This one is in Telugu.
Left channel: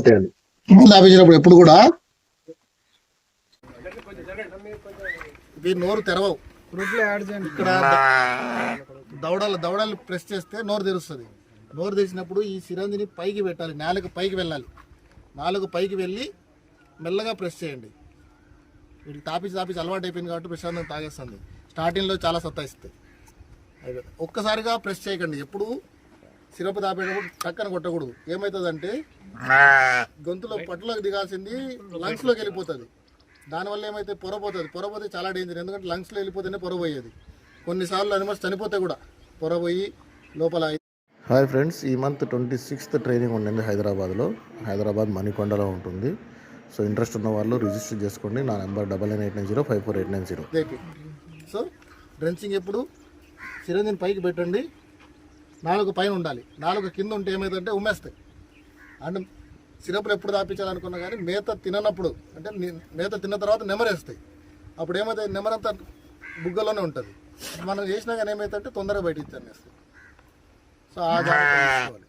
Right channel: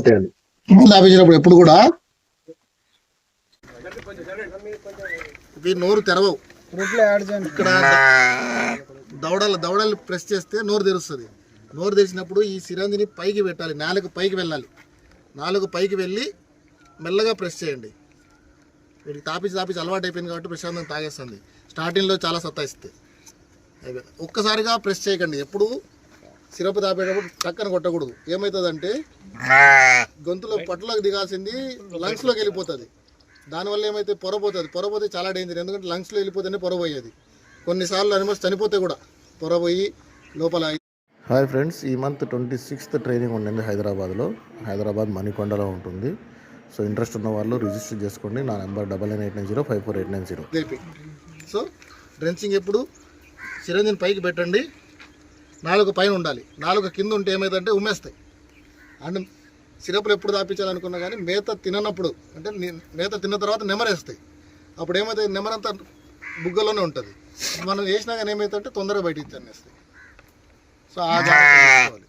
తాపించినప్పుడు ఎప్పుడు కూడా ఇవి నోరు తెరవవు. ఇక్కడ దవడలు ప్రెస్ చేస్తే నోరు తెరుస్తుంది. నోరు తెరిచినప్పుడు ఈ సిరంజిని పైకి పెట్టాలి, నాలుగు పైకి వెళ్ళాలి. నాలుగు పైకి వెళ్ళి మెల్లగా ప్రెస్ చేయండి. వీటికి తాపించి అలవాటు అయిపోయింది కాబట్టి ప్రశాంతంగా తాగేస్తుంది. స్టార్టింగ్లో చాలా సత్తాయిస్తుంది. ఒక్కసారిగా ప్రెస్ చేయకండి. ఎప్పుడు సిరప్ తాపేటప్పుడు టక్కన కొట్టకూడదు. ఏమవుతుందంటే గొంతులో పట్టులోకి దిగాల్సింది లంగ్స్లోకి వెళ్ళిపోతుంది. దానివల్ల ఏమైతే పొరపోతే చాలా డేంజర్. ఎందుకంటే లంగ్స్లో వెళ్ళిపోతేనే పొరపోయేది. కొన్నిసార్లు అనిమల్స్ చనిపోతే కూడా పొరపోయి లోపల. హాయ్ ఫ్రెండ్స్, ఈ మంత్ 26th ట్రైనింగ్ ఉండింది హైదరాబాద్ మణికొండలో ఉంటుంది. సో ఇంట్రెస్ట్ ఉన్న వాళ్ళు రిజిస్టర్ చేసుకోండి. నా నెంబర్ 9980548990. సో డ్రెంచింగ్ ఎప్పుడు సిరంజిని పైకి పెట్టండి, నాలుగు పైన ఉండాలి. నాలుగు కింద ఉంటే ఏమైందంటే ఉమ్మేస్తాయి. అండ్ సిరప్లు ఎప్పుడు తాపించాలనుకున్నా కానీ మేత తిననప్పుడు, అంటే మేత తిన్న తర్వాత నెమరేస్తాయి. అప్పుడు ఏమైతే నెమరంతా బుగ్గలోనే ఉంటుంది. మనం వేసినా కానీ ఏమైతే తొందరగా బయట ఇచ్చేస్తాయి. సో ఆ జాగ్రత్త తీసుకోవాలి.